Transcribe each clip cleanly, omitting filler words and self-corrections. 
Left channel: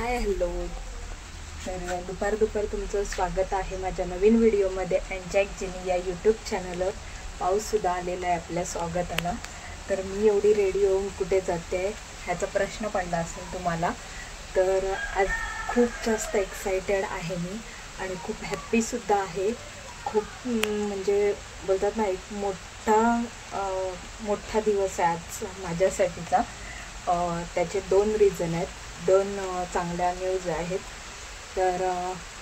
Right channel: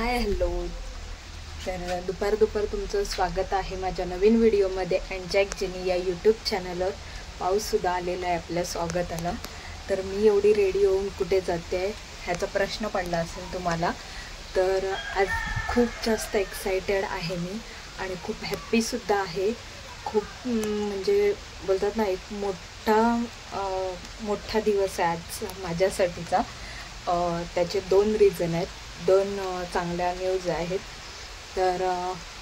Hi hello. तर दुपार तुमचं स्वागत आहे माझ्या नवीन व्हिडिओमध्ये अँजॅक जिनी या यूट्यूब चॅनलवर. पाऊससुद्धा आलेला आहे आपल्या स्वागताला. तर मी एवढी रेडी होऊन कुठे जाते ह्याचा प्रश्न पडला असेल तुम्हाला. तर आज खूप जास्त एक्सायटेड आहे मी आणि खूप हॅप्पीसुद्धा आहे. खूप म्हणजे बोलतात ना, एक मोठा दिवस आहे आज माझ्यासाठीचा. त्याचे दोन रीझन आहेत, दोन चांगल्या न्यूज आहेत. तर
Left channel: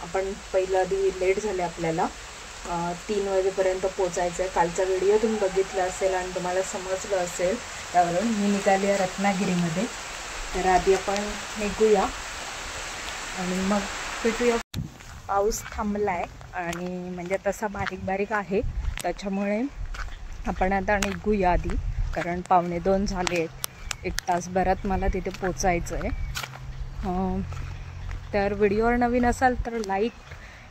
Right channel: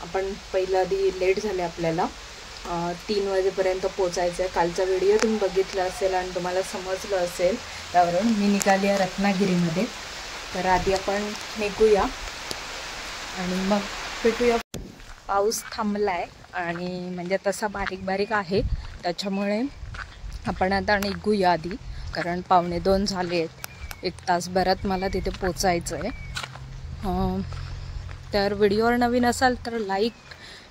आपण पहिलं आधी लेट झाले, आपल्याला 3 वाजेपर्यंत पोचायचं आहे. कालचा व्हिडिओ तुम्ही बघितला असेल आणि तुम्हाला समजलं असेल, त्यावरून मी निघाली आहे रत्नागिरीमध्ये. तर आधी आपण निघूया आणि मग भेटूया. पाऊस थांबला आहे आणि म्हणजे तसा बारीक बारीक आहे, त्याच्यामुळे आपण आता निघूया आधी, कारण 1:45 झाले आहेत. 1 तासभरात मला तिथे पोचायचं आहे. तर व्हिडिओवर नवीन असाल तर लाईक,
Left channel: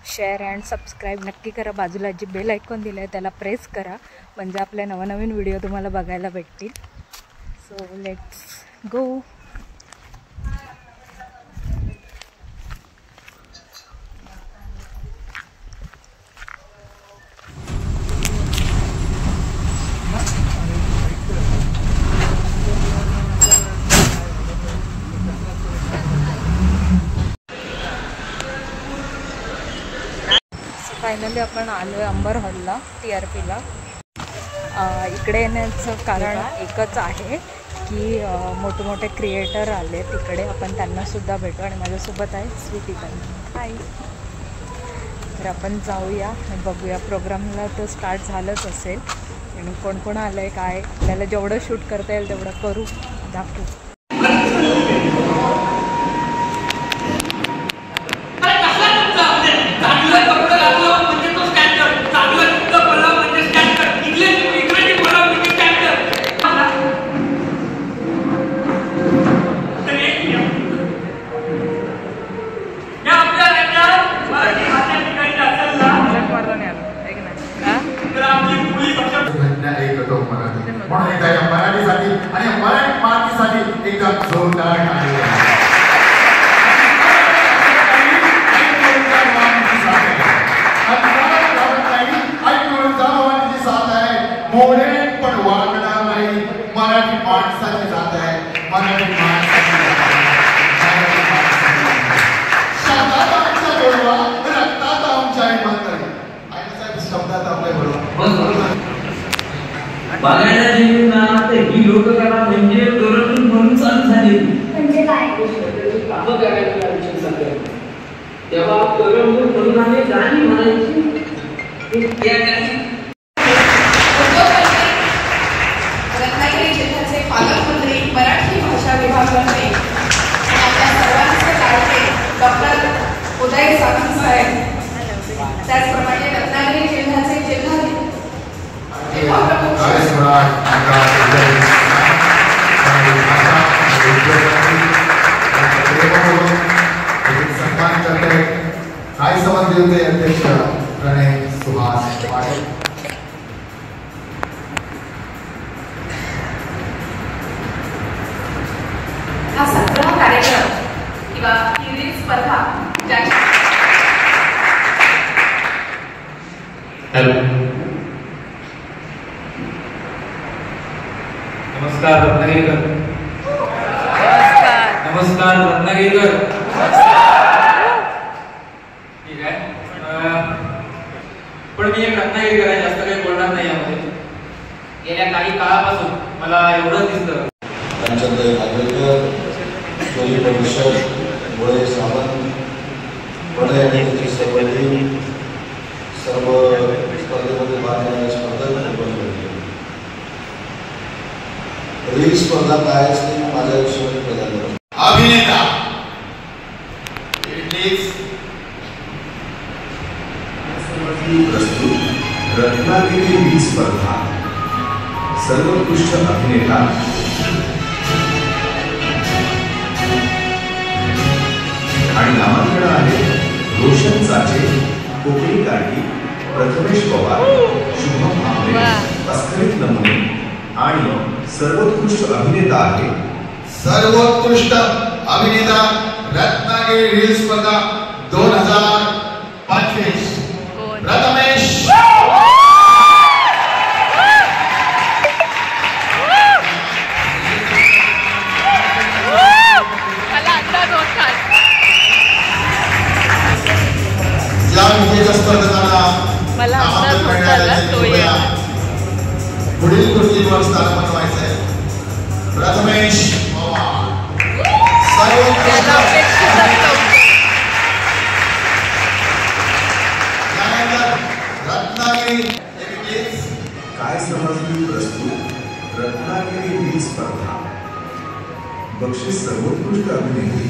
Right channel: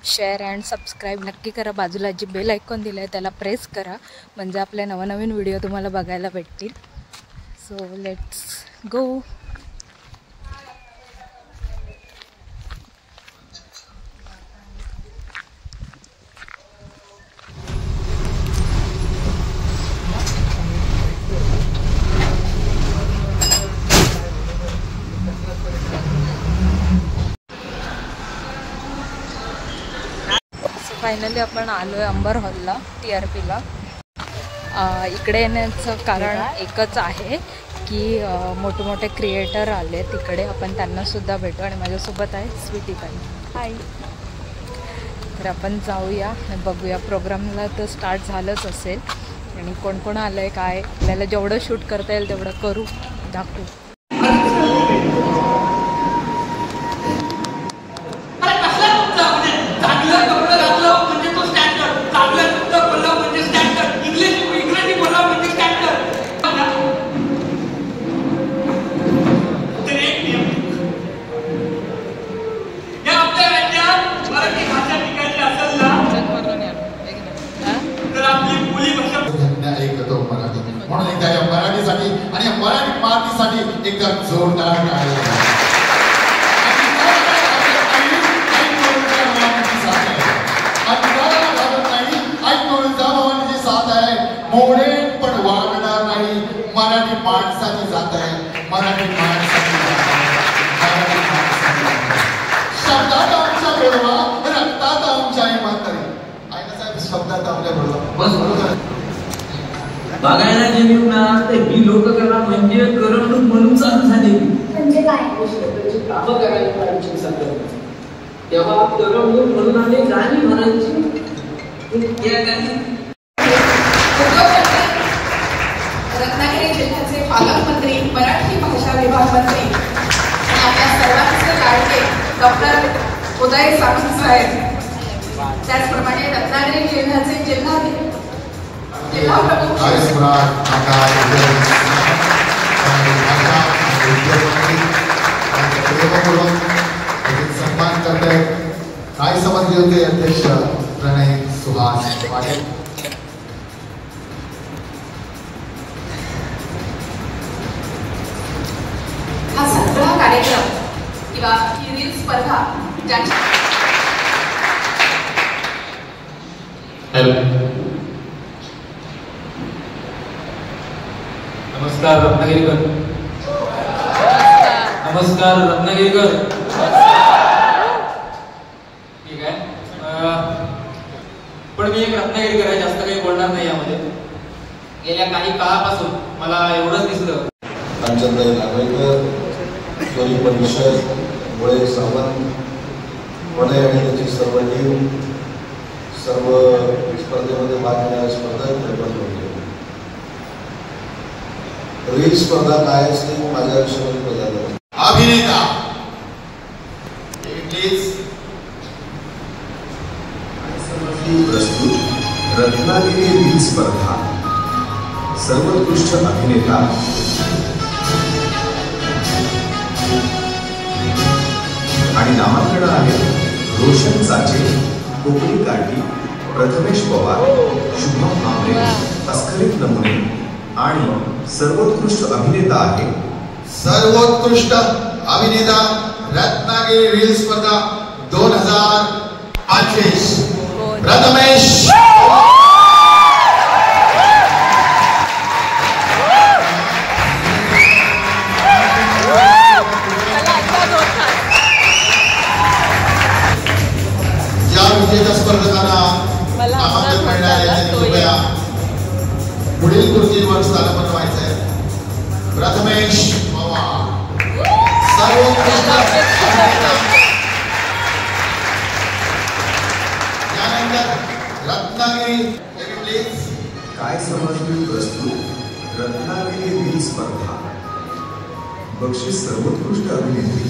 शेअर अँड सबस्क्राईब नक्की करा. बाजूला जी बेल आयकॉन दिलं आहे त्याला प्रेस करा, म्हणजे आपले नवनवीन व्हिडिओ तुम्हाला बघायला भेटतील. So let's go. फायनली आपण आलो आहे अंबर हॉलला, TRPला. इकडे येण्याचं कारण एकच आहे की मोठे क्रिएटर आले तिकडे, आपण त्यांनासुद्धा भेटू. आणि माझ्यासोबत आहे स्वीटी ताई. हाय. तर आपण जाऊया आणि बघूया. प्रोग्रामला तर स्टार्ट झालंच असेल आणि कोण कोण आलं आहे, काय आपल्याला जेवढं शूट करता येईल तेवढं करू, दाखवू. म्हणून एकदा या मराठीसाठी आणि मराठी मातीसाठी एकदम जोरदार टाळी. मोडे पण वागणार नाही. मराठी माणसाची जात आहे, मराठी माणसाची शब्दात आमच्या गोडवा, रक्तात आमच्या इमानदारी. ऐका साहेब, शब्दात आपल्या गोडवा बघायला गेली ना तर ही लोककला म्हणजे करमणूक म्हणून चालू झाली. म्हणजे काय? कामं करायला लागली सगळं. तेव्हा करमणूक म्हणून आले गाणी म्हणायची. रत्नागिरी जिल्ह्याचे पालकमंत्री, मराठी भाषा विभाग मंत्री आणि आपल्या सर्वांचे लाडके डॉक्टर उदय सामंत साहेब, त्याचप्रमाणे रत्नागिरी जिल्ह्याचे जिल्हाधिकारी सन्मान करते काय समज घेते अध्यक्ष प्रणय सुहास पाटील. हा सगळा कार्यक्रम किंवा ही रील स्पर्धा ज्याच्या नमस्कार रत्नागिरीकर. नमस्कार रत्नागिरीकर. ठीक आहे. पण मी एक रत्नागिरीकर आहे, जास्त काही बोलणार नाही यामध्ये. गेल्या काही काळापासून मला एवढंच दिसतं. रामचंद्र नागवेकर, सोनी परिषद, मुळे सावंत, वडे आणि त्याची सर्व टीम, सर्व स्पर्धेमध्ये भाग घेणारे स्पर्धक निर्माण झाले. रील स्पर्धा काय असते माझ्या विषयामध्ये पहिल्यांदा. अभिनेता प्रस्तुत रत्नागिरी रील स्पर्धा. सर्वोत्कृष्ट अभिनेता आणि नामांकन आहे रोशन चाचे, कोकणी काठी, प्रथमेश पवार, शुभम आंबे, अस्खलित नमुने. आणि सर्वोत्कृष्ट अभिनेता आहे सर्वोत्कृष्ट अभिनेता रत्नागिरी रत्नागिरी रील स्पर्धा 2025 प्रथमेश ज्या विजेत्या स्पर्धकांना नामांकन करण्यात आले कृपया पुढील खुर्चीवर स्थान बनवायचं आहे. प्रथमेश पवार सर्वोत्कृष्ट त्यानंतर रत्नागिरी काय समजली प्रस्तुत रत्नागिरी रील स्पर्धा. बक्षीस सर्वोत्कृष्ट अभिनेत्री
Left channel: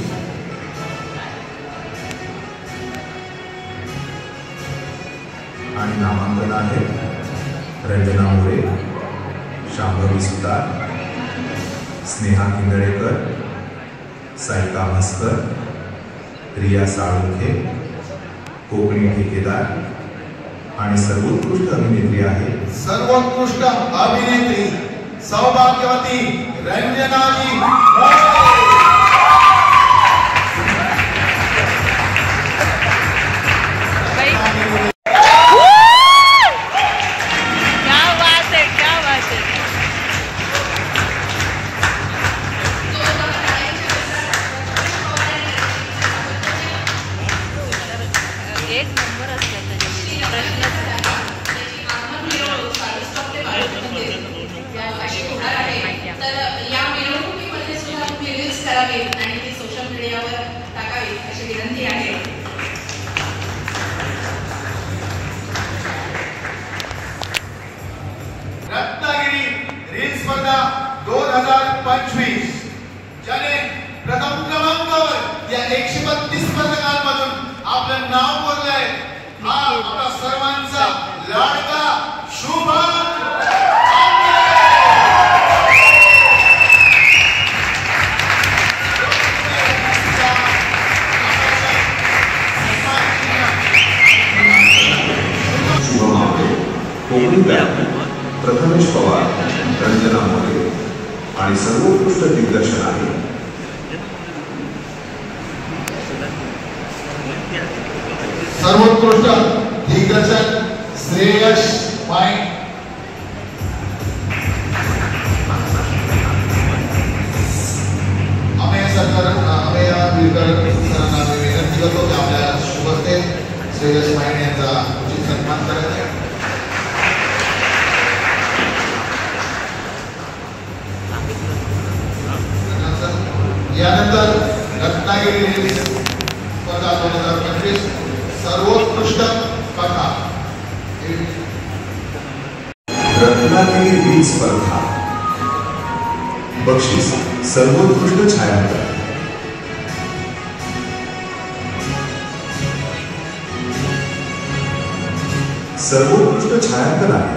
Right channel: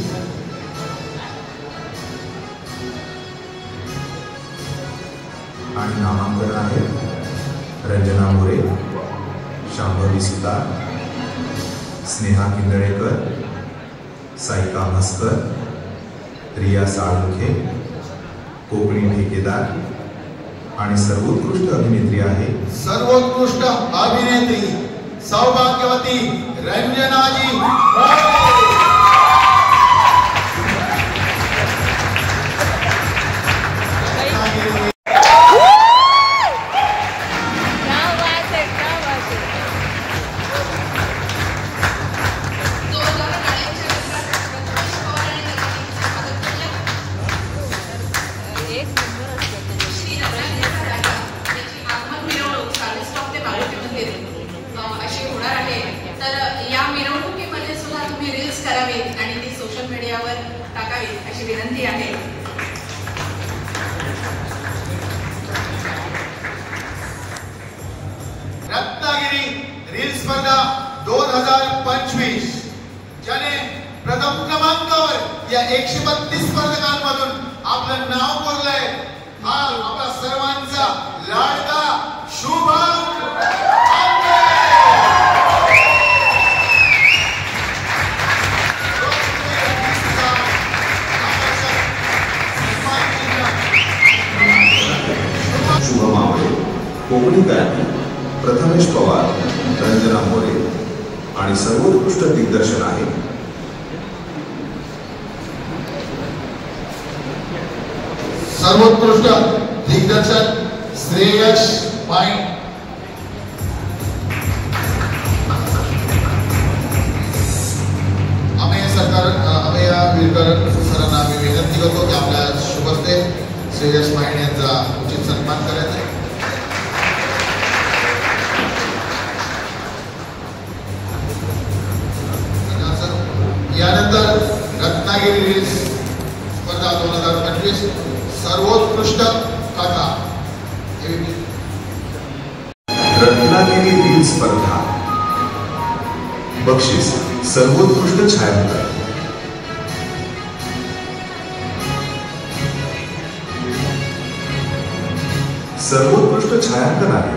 आणि नामांकन आहे रंजना मोरे, शांभवी सुतार, स्नेहा किंदळेकर, सायका मस्कर, रिया साळुंखे, कोकणी ठेकेदार आणि सर्वोत्कृष्ट अभिनेत्री आहे सर्वोत्कृष्ट अभिनेत्री सौभाग्यवती रंजनाजी आणि ती सोशल मीडियावर टाकावी अशी विनंती आहे. रत्नागिरी रील स्पर्धा 2025 ज्याने प्रथम क्रमांकावर या 132 स्पर्धकांमधून आपलं नाव बोललंय हा आपला सर्वांचा लाडका शुभम कोकणी गायक प्रथमेश पवार, रंजना मोरे आणि सर्वोत्कृष्ट दिग्दर्शन आहे सर्वोत्कृष्ट दिग्दर्शन श्रेयश पाईन. अमेय विरकर सरांना मी विनंती करतो की आपल्या शुभस्ते श्रेयश पाईन यांचा उचित सन्मान करायचा आहे. यानंतर रत्नागिरी रील स्पर्धा 2025 सर्वोत्कृष्ट कथा. रत्नागिरी रील स्पर्धा बक्षीस सर्वोत्कृष्ट छायाचित्र सर्वोत्कृष्ट छायांकन आहे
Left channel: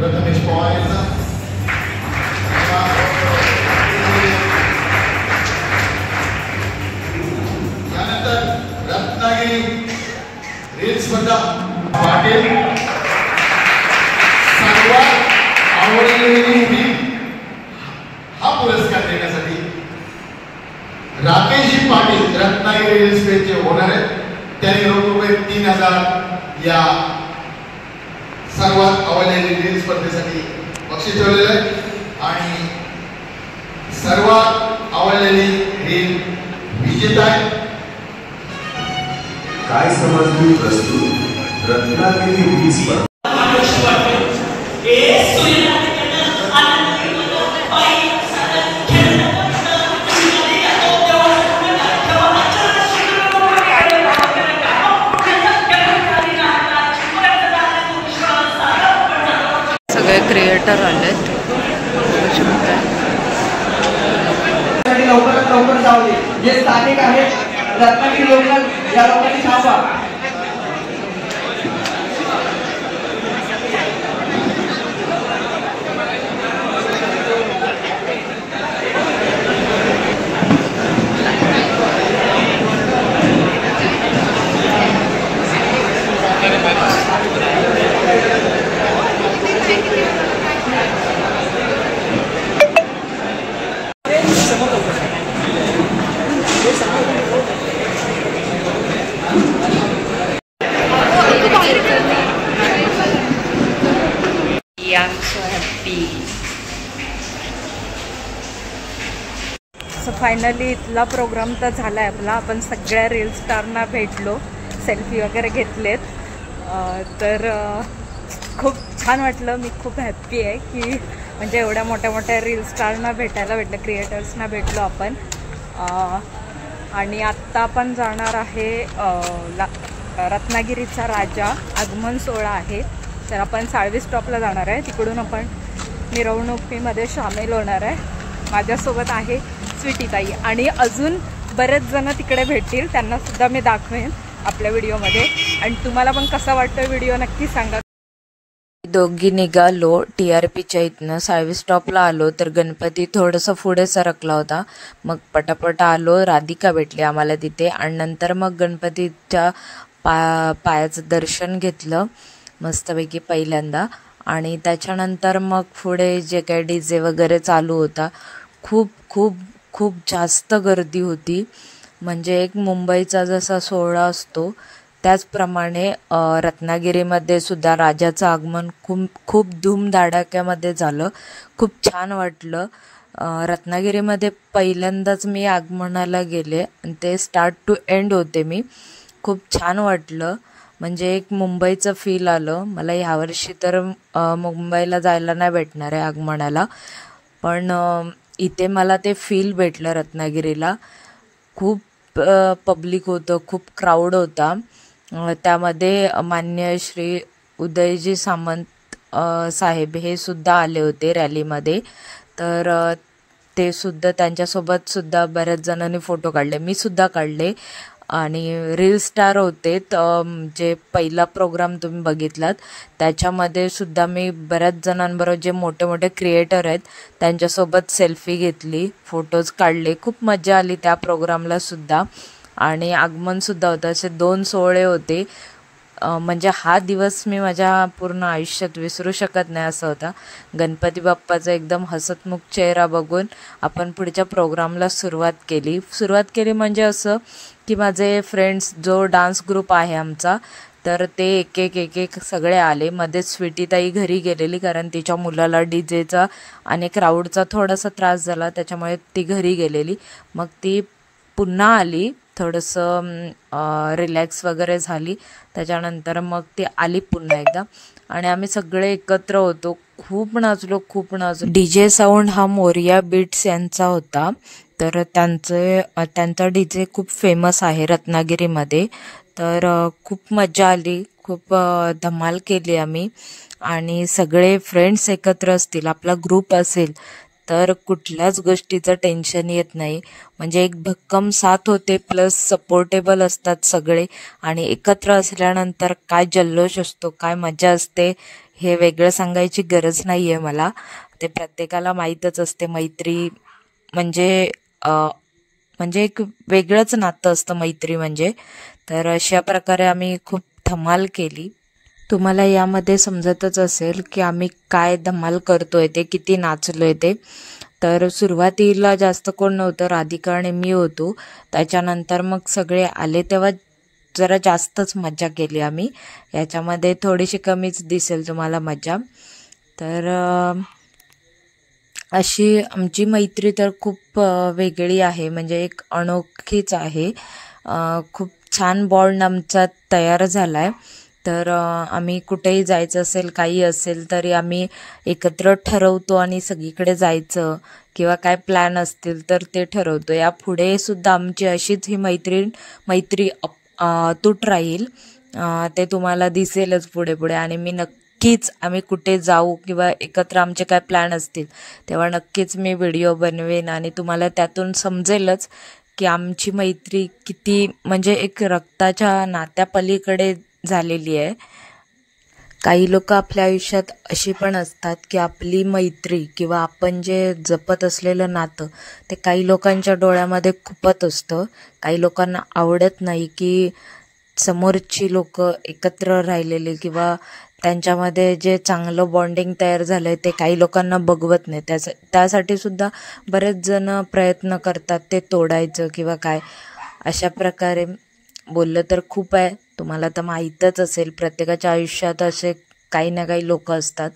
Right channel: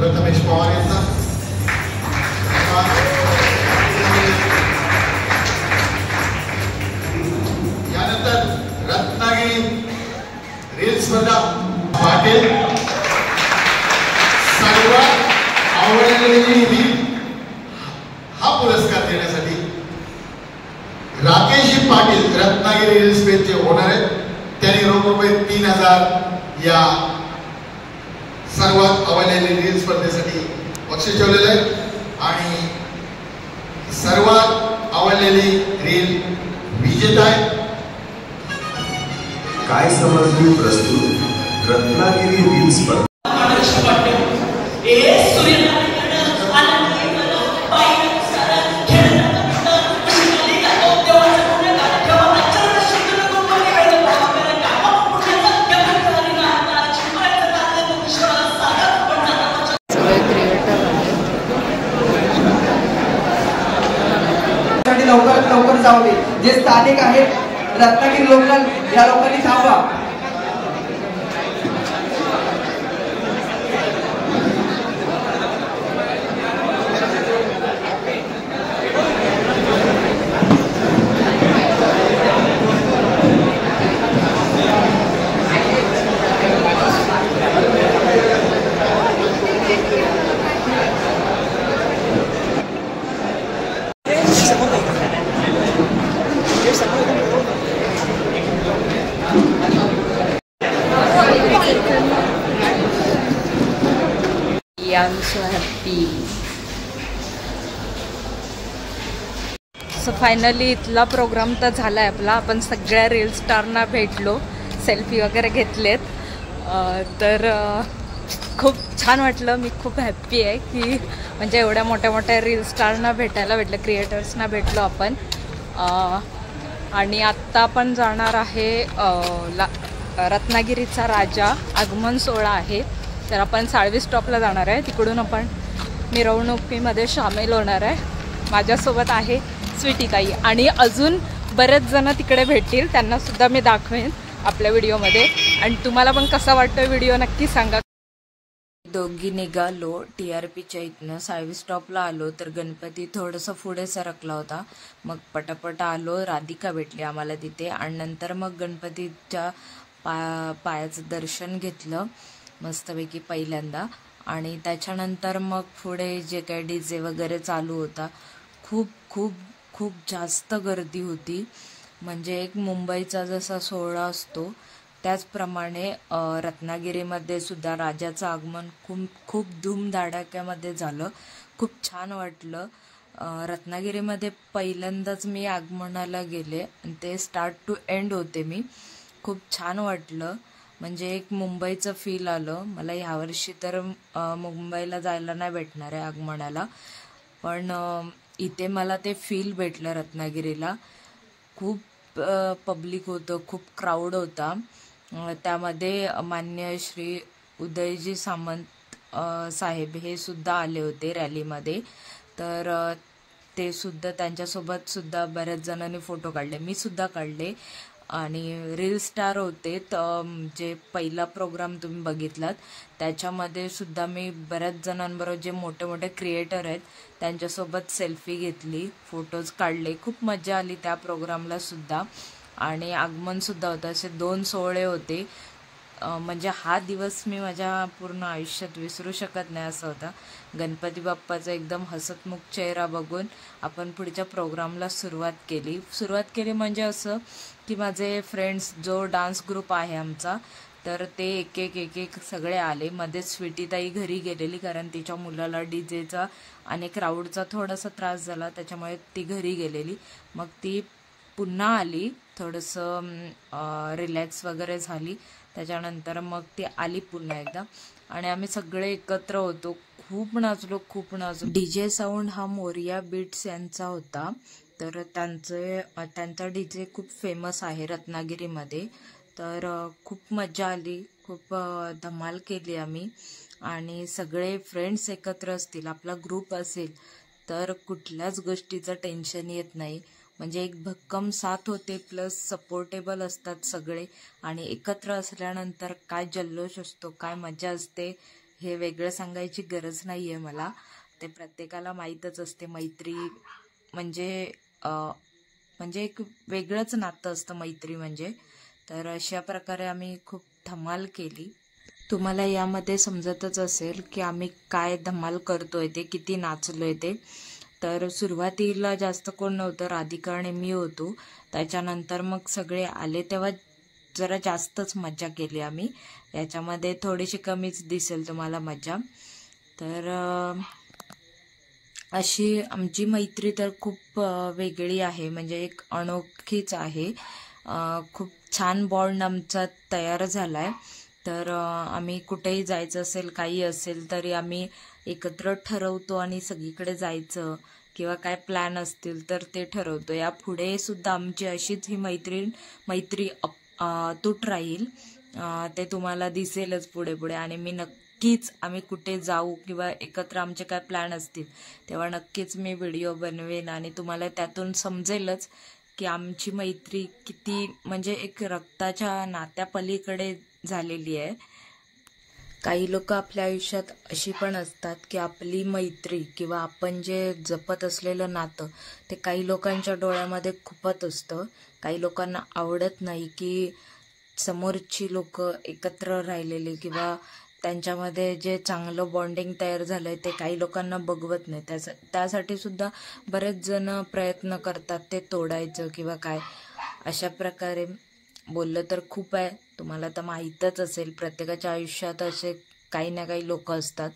प्रथमेश पवार यांचा यानंतर रत्नागिरी रील स्पर्धा पाटील सर्वात आवडलेली रील हा पुरस्कार देण्यासाठी राकेशजी पाटील रत्नागिरी रील स्पेसचे होणार आहेत. त्यांनी रोख रुपये 3000 या सर्वात आवडलेली रील स्पर्धेसाठी बक्षीस ठेवलेलं आहे आणि सर्वात आवडलेली रील विजेता आहे. काय समजली प्रस्तुत रत्नागिरी रील स्पर्धा सगळे क्रिएटर आले लवकरात लवकर जावले. जे स्थानिक आहेत रत्नागिरी लोकल या लोकांनी थांबा. सो फायनली इथला प्रोग्राम तर झाला आहे आपला. आपण सगळ्या रील स्टारना भेटलो, सेल्फी वगैरे घेतलेत. तर खूप छान वाटलं. मी खूप हॅप्पी आहे की म्हणजे एवढ्या मोठ्या मोठ्या रील स्टारना भेटायला भेटलं, क्रिएटर्सना भेटलो आपण. आणि आत्ता आपण जाणार आहे रत्नागिरीचा राजा आगमन सोहळा आहे. तर आपण साळवी स्टॉपला जाणार आहे. तिकडून आपण मिरवणुकीमध्ये सामील होणार आहे. माझ्यासोबत आहे स्वीटीताई आणि अजून बरेच जण तिकडे भेटतील, त्यांनासुद्धा मी दाखवेन आपल्या व्हिडिओमध्ये. आणि तुम्हाला पण कसा वाटतो व्हिडिओ नक्की सांगा. दोघी निघालो TRPच्या इथनं. साळवी स्टॉपला आलो तर गणपती थोडंसं पुढे सरकला होता. मग पटापट आलो, राधिका भेटली आम्हाला तिथे. आणि नंतर मग गणपतीच्या पायाचं दर्शन घेतलं मस्तपैकी पहिल्यांदा. आणि त्याच्यानंतर मग पुढे जे काही DJ वगैरे चालू होता, खूप खूप खूप जास्त गर्दी होती. म्हणजे एक मुंबईचा जसा सोहळा असतो त्याचप्रमाणे रत्नागिरीमध्ये सुद्धा राजाचं आगमन खूप धूमधडाक्यामध्ये झालं. खूप छान वाटलं. रत्नागिरीमध्ये पहिल्यांदाच मी आगमनाला गेले आणि ते स्टार्ट टू एंड होते मी. खूप छान वाटलं. म्हणजे एक मुंबईचं फील आलं मला. ह्यावर्षी तर मुंबईला जायला नाही भेटणार आहे आगमनाला, पण इथे मला ते फील भेटलं रत्नागिरीला. खूप पब्लिक होतं, खूप क्राऊड होता. त्यामध्ये मान्य श्री उदयजी सामंत साहेब हे सुद्धा आले होते रॅलीमध्ये. तर ते सुद्धा, त्यांच्यासोबत सुद्धा बऱ्याच जणांनी फोटो काढले, मी सुद्धा काढले. आणि रील स्टार होते. जे पहिला प्रोग्राम तुम्ही बघितलात त्याच्यामध्ये सुद्धा मी बऱ्याच जणांबरोबर, जे मोठे मोठे क्रिएटर आहेत त्यांच्यासोबत सेल्फी घेतली, फोटोज काढले. खूप मजा आली त्या प्रोग्रामला सुद्धा. आणि आगमनसुद्धा होतं. असे 2 सोहळे होते. म्हणजे हा दिवस मी माझ्या पूर्ण आयुष्यात विसरू शकत नाही असं होता. गणपती बाप्पाचा एकदम हसतमुख चेहरा बघून आपण पुढच्या प्रोग्रामला सुरुवात केली. म्हणजे असं की माझे फ्रेंड्स, जो डान्स ग्रुप आहे आमचा, तर ते एक एक सगळे आले. मध्येच स्वीटीताई घरी गेलेली कारण तिच्या मुलाला DJचा आणि क्राऊडचा थोडासा त्रास झाला, त्याच्यामुळे ती घरी गेलेली. मग ती पुन्हा आली, थोडंसं रिलॅक्स वगैरे झाली. त्याच्यानंतर मग ती आली पुन्हा एकदा आणि आम्ही सगळे एकत्र होतो. खूप नाचलो. DJ साऊंड हा मोरिया बीट्स यांचा होता. तर त्यांचा DJ खूप फेमस आहे रत्नागिरीमध्ये. तर खूप मजा आली, खूप धमाल केली आम्ही. आणि सगळे फ्रेंड्स एकत्र असतील, आपला ग्रुप असेल तर कुठल्याच गोष्टीचं टेन्शन येत नाही. म्हणजे एक भक्कम साथ होते, प्लस सपोर्टेबल असतात सगळे. आणि एकत्र असल्यानंतर काय जल्लोष असतो, काय मजा असते, हे वेगळं सांगायची गरज नाही आहे मला. ते प्रत्येकाला माहीतच असते. मैत्री म्हणजे एक वेगळंच नातं असतं मैत्री म्हणजे. तर अशा प्रकारे आम्ही खूप धमाल केली. तुम्हाला यामध्ये समजतच असेल की आम्ही काय धमाल करतोय ते, किती नाचलोय ते. तर सुरुवातीला जास्त कोण नव्हतं, राधिका आणि मी होतो. त्याच्यानंतर मग सगळे आले तेव्हा जरा जास्तच मजा केली आम्ही. याच्यामध्ये थोडीशी कमीच दिसेल तुम्हाला मजा. तर अशी आमची मैत्री तर खूप वेगळी आहे, म्हणजे एक अनोखीच आहे. खूप छान बॉन्ड आमचा तयार झाला आहे. तर आम्ही कुठेही जायचं असेल, काही असेल तरी आम्ही एकत्र ठरवतो आणि सगळीकडे जायचं किंवा काय प्लॅन असतील तर ते ठरवतो. यापुढे सुद्धा आमची अशीच ही मैत्री अतूट राहील. ते तुम्हाला दिसेलच पुढे. आणि मी नक्कीच, आम्ही कुठे जाऊ किंवा एकत्र आमचे काय प्लॅन असतील तेव्हा नक्कीच मी व्हिडिओ बनवेन आणि तुम्हाला त्यातून समजेलच की आमची मैत्री किती म्हणजे एक रक्ताच्या नात्यापलीकडे झालेली आहे. काही लोक आपल्या आयुष्यात अशी पण असतात की आपली मैत्री किंवा आपण जे जपत असलेलं नातं ते काही लोकांच्या डोळ्यामध्ये खुपत असतं. काही लोकांना आवडत नाही की समोरची लोक एकत्र राहिलेले किंवा त्यांच्यामध्ये जे चांगलं बॉन्डिंग तयार झालं आहे ते काही लोकांना बघवत नाही. त्यासाठी सुद्धा बरेच जण प्रयत्न करतात ते तोडायचं किंवा काय. अशा प्रकारे बोललं तर खूप आहे. तुम्हाला तर माहीतच असेल, प्रत्येकाच्या आयुष्यात असे काही ना काही लोक असतात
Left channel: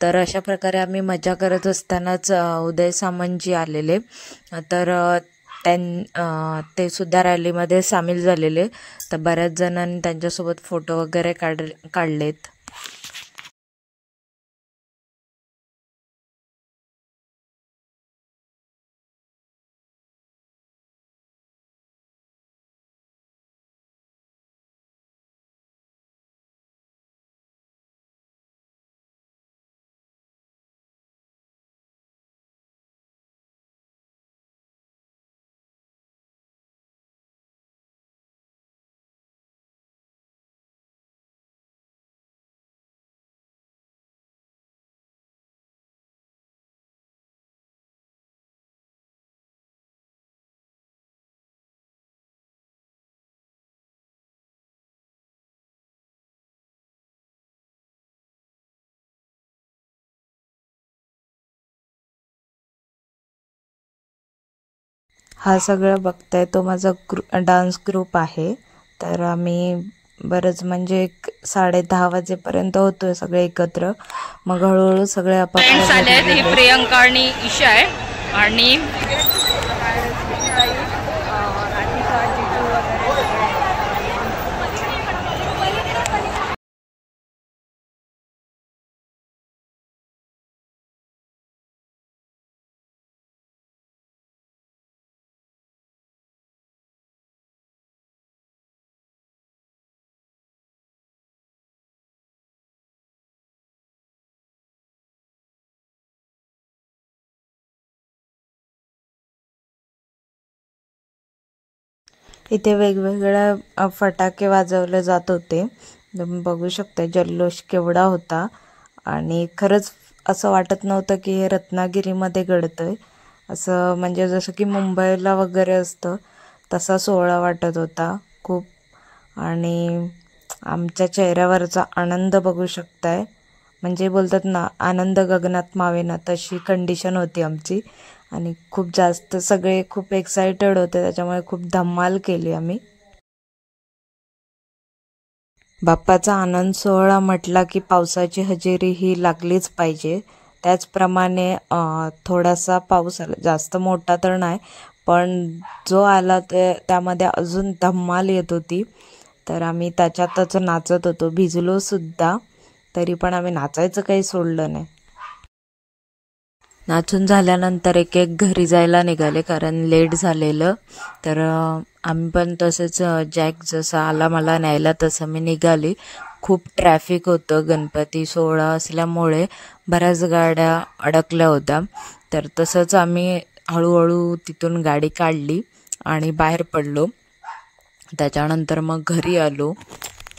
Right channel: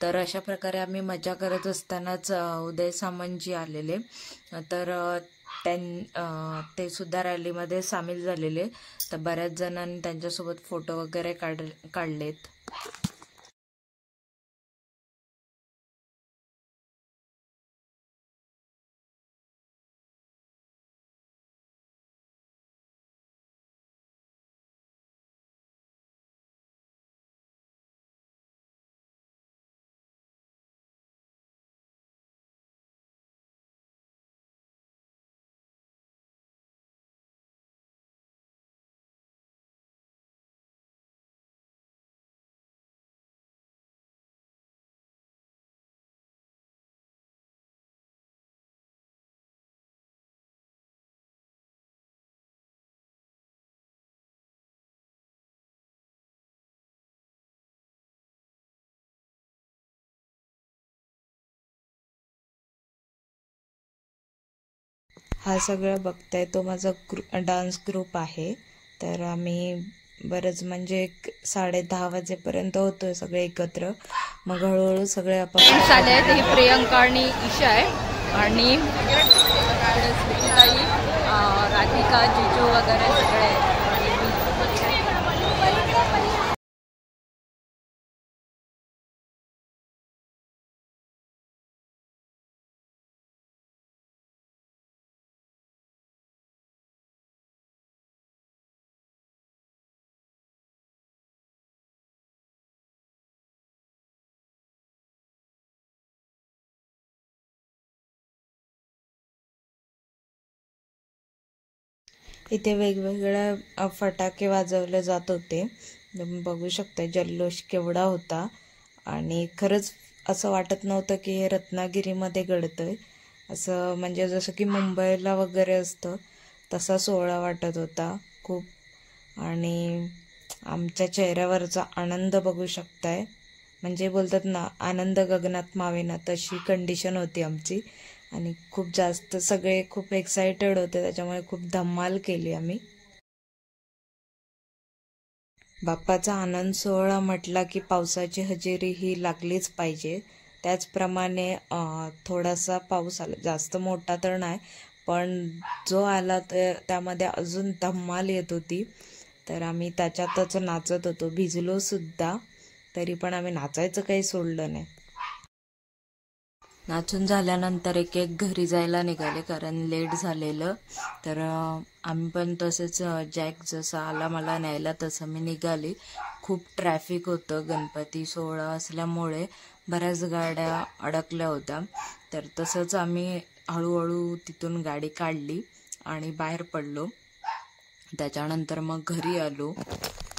तर अशा प्रकारे आम्ही मजा करत असतानाच उदय सामंतजी आलेले. तर ते सुद्धा रॅलीमध्ये सामील झालेले. तर बऱ्याच जणांनी त्यांच्यासोबत फोटो वगैरे काढलेत. हा सगळं बघताय तो माझा डान्स ग्रुप आहे. तर आम्ही बरंच म्हणजे 10:30 वाजेपर्यंत होतोय सगळे एकत्र. मग हळूहळू सगळे फ्रेंड्स आले आहेत. ही प्रियंका आणि ईशा आहे आणि राधिका, जिजू वगैरे सगळे. इथे वेगवेगळ्या फटाके वाजवले जात होते. तुम्ही बघू शकता जल्लोष केवढा होता आणि खरंच असं वाटत नव्हतं की हे रत्नागिरीमध्ये घडतंय. असं म्हणजे जसं की मुंबईला वगैरे असतं तसा सोहळा वाटत होता खूप. आणि आमच्या चेहऱ्यावरचा आनंद बघू शकताय. म्हणजे बोलतात ना, आनंद गगनात मावेना, तशी कंडिशन होती आमची. आणि खूप जास्त सगळे खूप एक्सायटेड होते, त्याच्यामुळे खूप धमाल केली आम्ही. बाप्पाचा आनंद सोहळा म्हटला की पावसाची हजेरी ही लागलीच पाहिजे. त्याचप्रमाणे थोडासा पाऊस आला, जास्त मोठा तर नाही, पण जो आला त्यामध्ये अजून धमाल येत होती. तर आम्ही त्याच्यातच नाचत होतो, भिजलो सुद्धा, तरी पण आम्ही नाचायचं काही सोडलं नाही. नाचून झाल्यानंतर एक घरी जायला निघाले कारण लेट झालेलं. तर आम्ही पण तसंच जॅक जसा आला मला न्यायला तसं मी निघाली. खूप ट्रॅफिक होतं, गणपती सोहळा असल्यामुळे बऱ्याच गाड्या अडकल्या होत्या. तर तसंच आम्ही हळूहळू तिथून गाडी काढली आणि बाहेर पडलो. त्याच्यानंतर मग घरी आलो.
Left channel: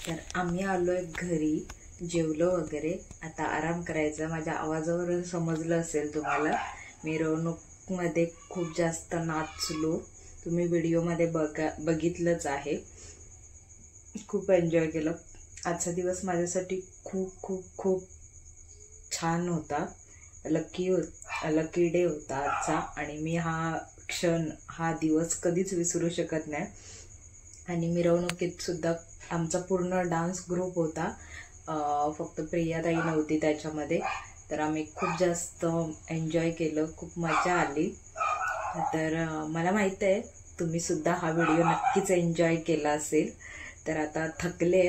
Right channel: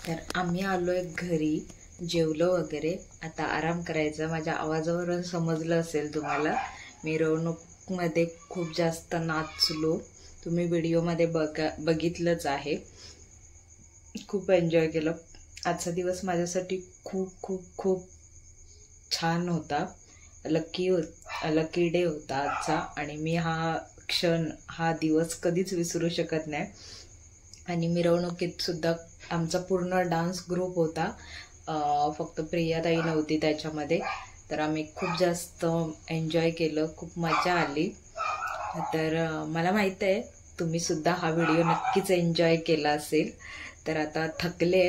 तर आम्ही आलो आहे घरी, जेवलो वगैरे, आता आराम करायचा. माझ्या आवाजावरून समजलं असेल तुम्हाला, मिरवणूकमध्ये खूप जास्त नाचलो. तुम्ही व्हिडिओमध्ये बघितलंच आहे. खूप एन्जॉय केलं. आजचा दिवस माझ्यासाठी खूप खूप खूप छान होता. लकी डे होता आजचा. आणि मी हा दिवस कधीच विसरू शकत नाही. आणि मिरवणुकीत सुद्धा आमचा पूर्ण डान्स ग्रुप होता, फक्त प्रियाताई नव्हती त्याच्यामध्ये. तर आम्ही खूप जास्त एन्जॉय केलं, खूप मजा आली. तर मला माहीत आहे तुम्ही सुद्धा हा व्हिडिओ नक्कीच एन्जॉय केला असेल. तर आता थकले,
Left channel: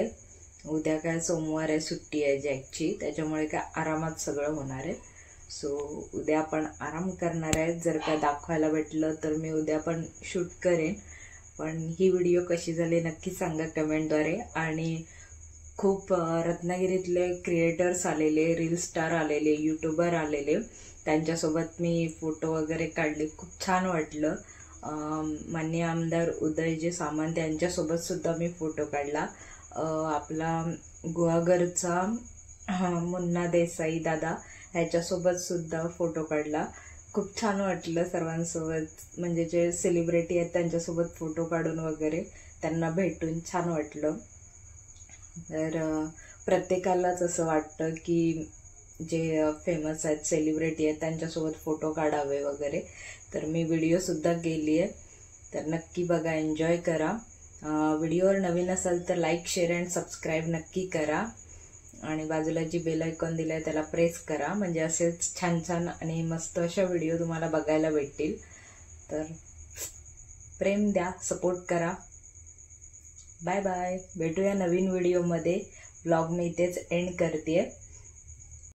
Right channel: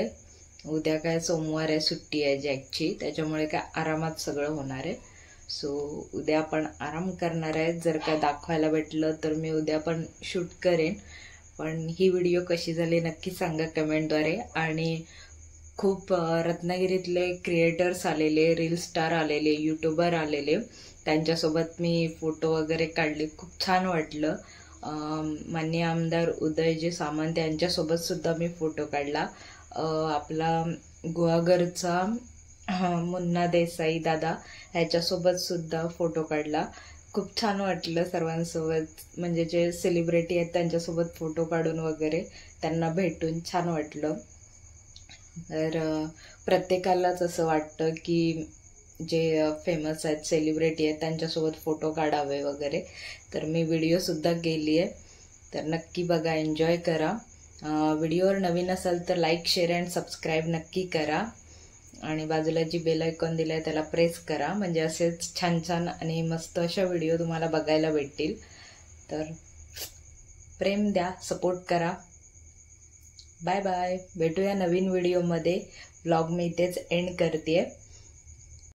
उद्या काय सोमवार आहे, सुट्टी आहे जॅकची, त्याच्यामुळे काय आरामात सगळं होणार आहे. सो उद्या आपण आराम करणार आहे. जर काय दाखवायला भेटलं तर मी उद्या पण शूट करेन. पण ही व्हिडिओ कशी झाली नक्की सांगा कमेंटद्वारे. आणि खूप रत्नागिरीतले क्रिएटर्स आलेले, रील स्टार आलेले, यूट्यूबर आलेले, त्यांच्यासोबत मी फोटो वगैरे काढले. खूप छान वाटलं. माननीय आमदार उदयजी सामंत यांच्यासोबत सुद्धा मी फोटो काढला. आपला गुहागरचा मुन्ना देसाई दादा ह्याच्यासोबत सुद्धा फोटो काढला. खूप छान वाटलं सर्वांसोबत, म्हणजे जे सेलिब्रिटी आहेत त्यांच्यासोबत फोटो काढून वगैरे, त्यांना भेटून छान वाटलं. तर प्रत्येकालाच असं वाटतं की जे फेमस आहेत, सेलिब्रिटी आहेत, त्यांच्यासोबत फोटो काढावे वगैरे. तर मी व्हिडिओसुद्धा केली आहे. तर नक्की बघा, एन्जॉय करा. व्हिडिओवर नवीन असाल तर लाईक, शेअर अँड सबस्क्राईब नक्की करा. आणि बाजूला जी बेल आयकॉन दिला आहे त्याला प्रेस करा, म्हणजे असेच छान छान आणि मस्त अशा व्हिडिओ तुम्हाला बघायला भेटतील. तर प्रेम द्या, सपोर्ट करा. Bye bye. भेटूया नवीन व्हिडिओमध्ये. व्लॉग मी इथेच एंड करते.